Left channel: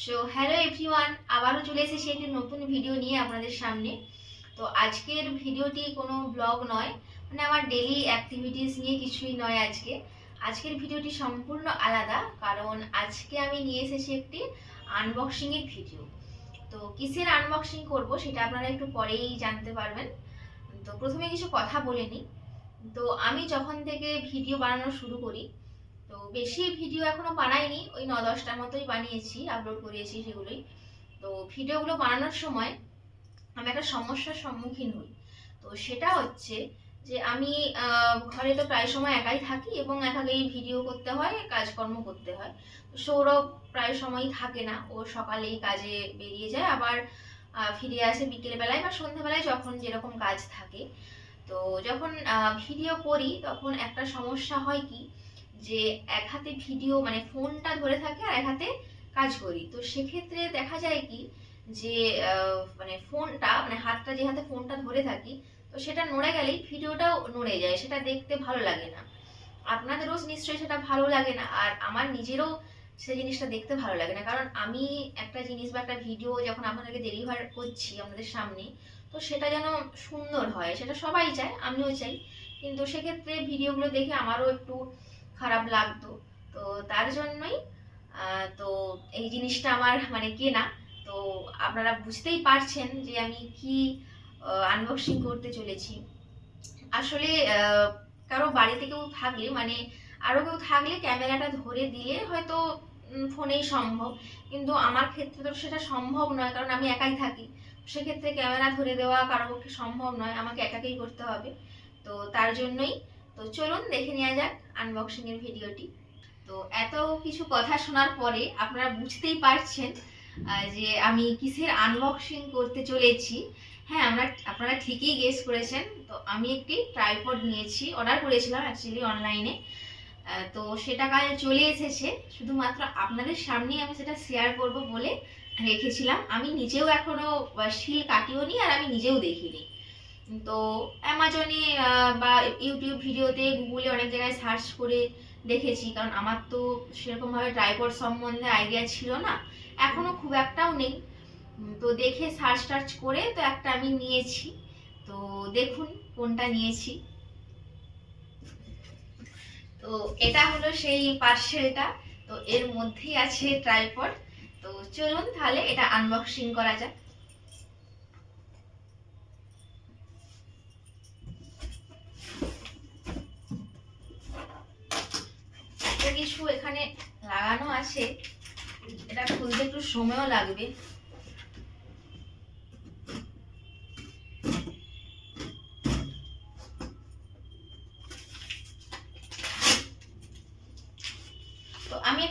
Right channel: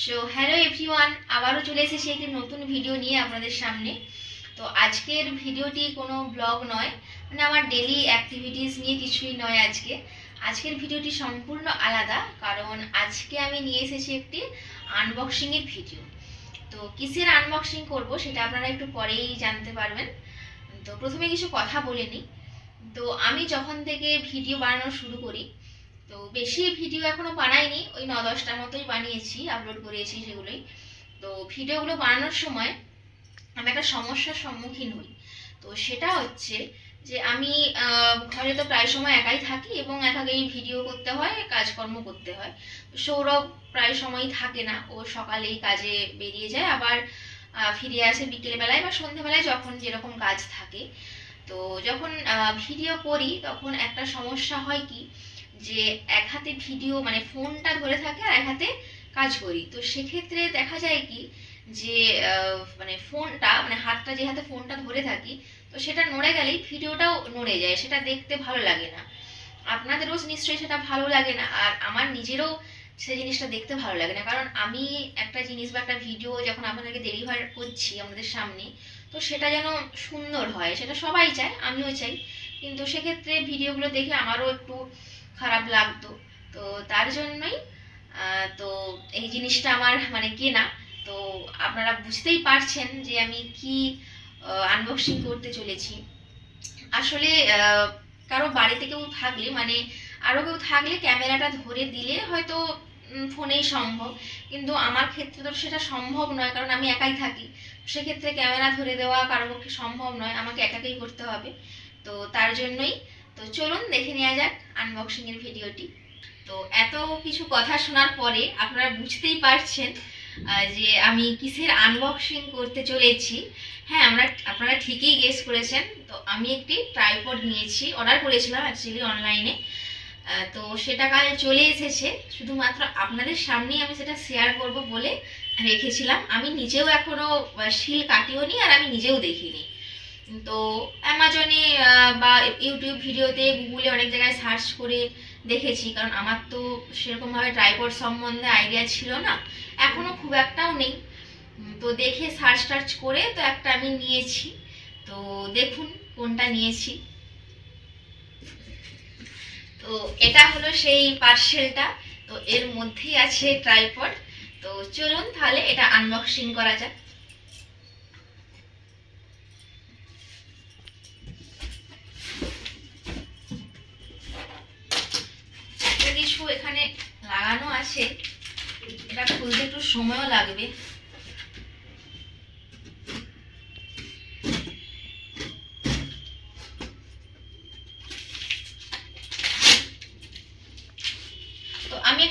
Hello everyone, আবারও চলে এসেছি একটি নতুন ভিডিও নিয়ে আপনাদের সামনে। তো আজকের ভিডিওটি কোনো ব্লগ নয়, মানে আমার ডেলি অ্যাক্টিভিটিস নিয়ে কিছুই নয়। আজকের ভিডিওটি সম্পূর্ণ আলাদা, কারণ আজকে আমি নিয়ে এসেছি একটি আনবক্সিংয়ের ভিডিও। তো কিসের আনবক্সিং করব সেটা আপনারা একটু পরেই জানতে পারবেন। তো প্রথমে কিছু কথা বলে নিই। তো আমি যখন থেকে ভিডিও বানানো শুরু করি, তো বেশি ভিডিও এখনো বানাইনি, ওই 9-10টার মতোই বানিয়েছি, আপলোড করিয়েছি সেগুলোই। তো ভিডিওগুলো বানানোর সময় আমি একটা সমস্যার সম্মুখীন হই। তো সেটা হচ্ছে যে আমি ঘরে তো প্রায় সময় একাই থাকি এবং একাকেই ভিডিও করতে হয়, কাজকর্ম করতে হয়। সৌরভ প্রায় সময়ই থাকে না, ও সকালেই কাজে বেরিয়ে যায়, আবার ফিরে আসে বিকেলবেলায় বা সন্ধ্যেবেলায়, যখন যেরকম কাজ থাকে। তো যখন ভিডিও করি তখন একটা সমস্যা হয় কি, যে এক হাতে ভিডিও মানে ফোনটা ধরে থাকে আর এক হাতে কাজ করি। তো সেক্ষেত্রে দেখা যায় কি, যে মানে ফোনটা মানে হাতটা যে হাতে ফোনটা ধরে থাকি, তো সেটা নড়ে গেলেই ভিডিওটাও নড়ে যায়, সেটা দেখতে ভালো লাগে না। আপনাদেরও নিশ্চয়ই সেটা ভালো লাগে না, আর আমার নিজেরও সেই জিনিসটা দেখতে ভালো লাগে না। কারণ আমি একটা জিনিস বা একটা ভিডিও যখন আপনাদেরকে ডেলিভার করছি আপনাদের সামনে, তো সেটা যেন সুন্দর হয়, সেটা সবাই চায়, আমিও চাই। কিন্তু সেক্ষেত্রে ভিডিওগুলো দেখে আমারও একটু খারাপ লাগতো। তো তার জন্যই তো এই জিনিসটা আমার মানে কেনা। তো আপনারা বুঝতেই পারছেন যে আমি কি আনবক্সিং করতে চলেছি। আসলে কারো বাড়িতে কেউ থাকলে মানে আরও কেউ থাকলে ক্যামেরাটা ধরে দিলে হয়তো ফোনেই সম্ভব, কিন্তু আমার ক্ষেত্রে তো সেটা সম্ভব নয়, কারণ আমি একাই থাকি। সেক্ষেত্রে ক্যামেরা ধরে দেওয়া কারো পক্ষে সম্ভব নয়, আমাকে একাকেই করতে হবে। তো তার জন্যই তো চলুন দেখে নেওয়া যাক আনবক্সিংয়ের ভিডিওটি। তো এত কিছু কথা শোনার পরে আপনারা বুঝতেই পারছেন যে আমি কিসের আনবক্সিং করতে চলেছি। হ্যাঁ, আপনারা ঠিকই গেস করেছেন। তো আমি একটি ট্রাইপড নিয়েছি, অর্ডার করেছিলাম অ্যাকচুয়ালি অনলাইনে। তো সেটা কাল চলে এসেছে, শুধুমাত্র আপনাদের সামনেই আমি সেটা শেয়ার করব বলে রেখেছিলাম। আমি নিজেও এখনো শিল কাটিও নি, আর আমি নিজেও দেখিনি। তো অ্যামাজনে বা ইউটিউব ভিডিওতে, গুগলে অনেক জায়গায় সার্চ করে দেখেছি, কারণ আমার তো সেরকমভাবে ট্রাইপড সম্বন্ধে আইডিয়া ছিল না, এখনো খুব একটাও নেই। তো দেখে সার্চ টার্চ করে তো একটা আমি নিয়েছি। তো দেখুন কোনটা নিয়েছি। তো এটা হলো সেই পার্সেলটা। তো এর মধ্যেই আছে ট্রাইপড। তো চলুন তাহলে এটা আনবক্সিং করা যাক। একটা কিছু এখানে লাগানো আছে, এটা খুলতে একটু সময়ও লাগবে। তো আমি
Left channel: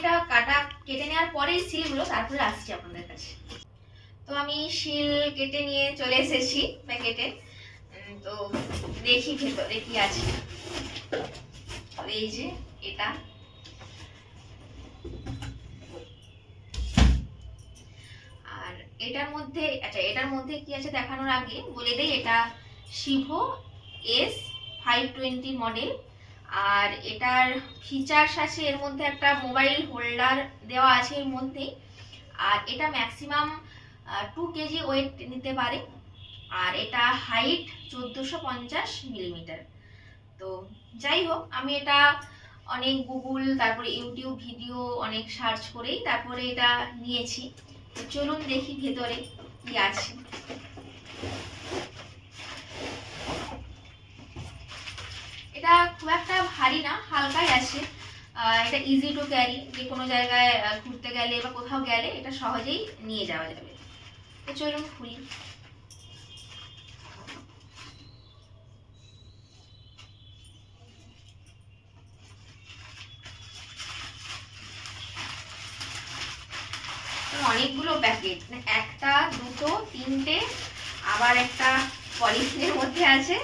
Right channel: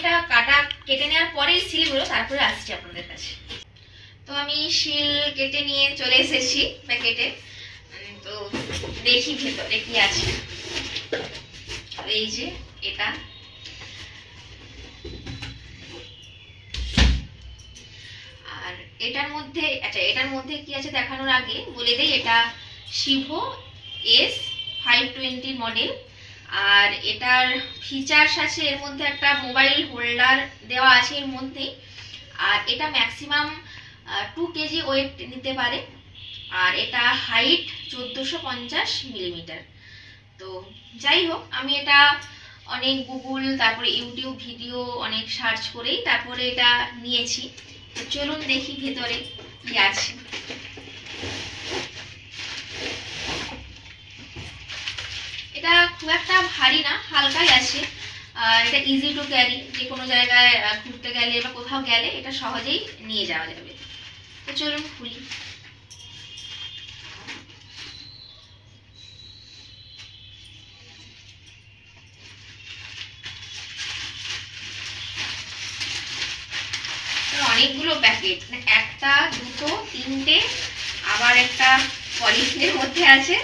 এটা কেটে নেওয়ার পরেই সিলগুলো তারপরে আসছি আপনাদের কাছে। তো আমি শিল কেটে নিয়ে চলে এসেছি প্যাকেটে। তো দেখি ভেতরে কি আছে। এই যে এটা, আর এটার মধ্যে কি আছে দেখানোর আগে বলে দেই, এটা শিভো S520 মডেল। আর এটার ফিচার্স আছে, এর মধ্যে একটা মোবাইল হোল্ডার দেওয়া আছে এর মধ্যেই। আর এটা ম্যাক্সিমাম 2 কেজি ওয়েট নিতে পারে। আর এটা হাইট 1450 মিলিমিটার। তো যাই হোক, আমি এটা অনেক গুগল তারপরে ইউটিউব ভিডিও অনেক সার্চ করেই তারপরে এটা নিয়েছি। তো চলুন দেখি ভেতরে কি আছে। এটা খুব একটা ভারী না, হালকাই আছে। এটা ইজি টু ক্যারি, যে কোনো জায়গায় ঘুরতে গেলে বা কোথাও গেলে এটা সহজেই নিয়ে যাওয়া যাবে। তো চলুন খুলি। অনেকগুলো প্যাকেট, মানে একটা, দুটো, তিনটে, আবার একটা পলিথিনের মধ্যে আছে,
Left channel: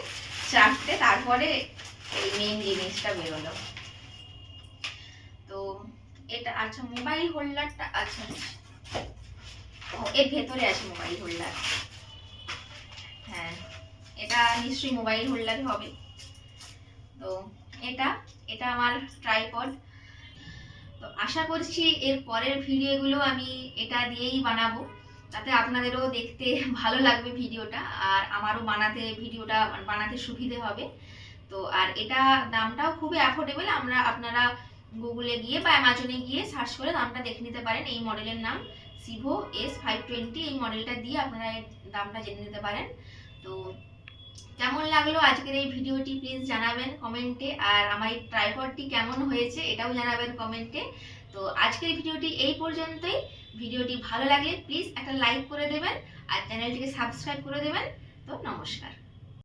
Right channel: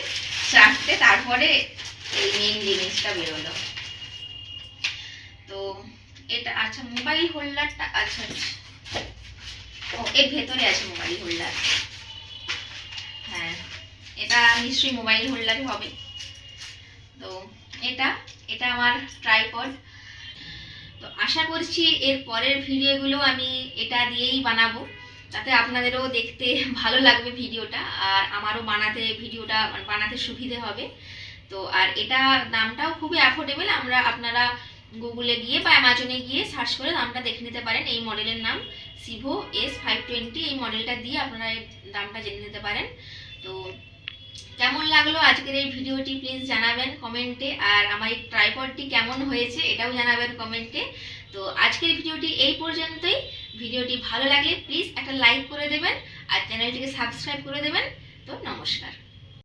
চারটে, তারপরে এই মেইন জিনিসটা বেরোলো। তো এটা আচ্ছা, মোবাইল হোল্ডারটা আচ্ছা, ও এর ভেতরে আছে মোবাইল হোল্ডার। হ্যাঁ, এটা নিশ্চয়ই মোবাইল হোল্ডারই হবে। তো এটা এটা আমার ট্রাইপড। তো আশা করছি এর পরের ভিডিওগুলো আমি এটা দিয়েই বানাবো, তাতে আপনাদেরও দেখতে ভালো লাগবে ভিডিওটা, আর আমারও ভিডিওটা বানাতে সুবিধে হবে। তো আর এটা দামটাও খুবই অ্যাফোর্ডেবল, আপনারা গুগলে গিয়ে বা অ্যামাজনে গিয়ে সার্চ করে দামটা দেখে নিতে পারেন। এই মডেলের নাম সিভো S520, এই মডেলটা দিয়ে আপনারা এর দামটা জেনে নিতে পারেন। তো কেমন লাগলো আজকের এই ভিডিওটি প্লিজ জানাবেন কমেন্টে, আর আমার এই ট্রাইপডটি কেমন হয়েছে এটাও জানাবেন কমেন্টে। তো আজকের ভিডিওটি এই পর্যন্তই। ভিডিওটি ভালো লাগলে প্লিজ একটা লাইক করে দেবেন আর চ্যানেলটিকে সাবস্ক্রাইব করে দেবেন। তো নমস্কার।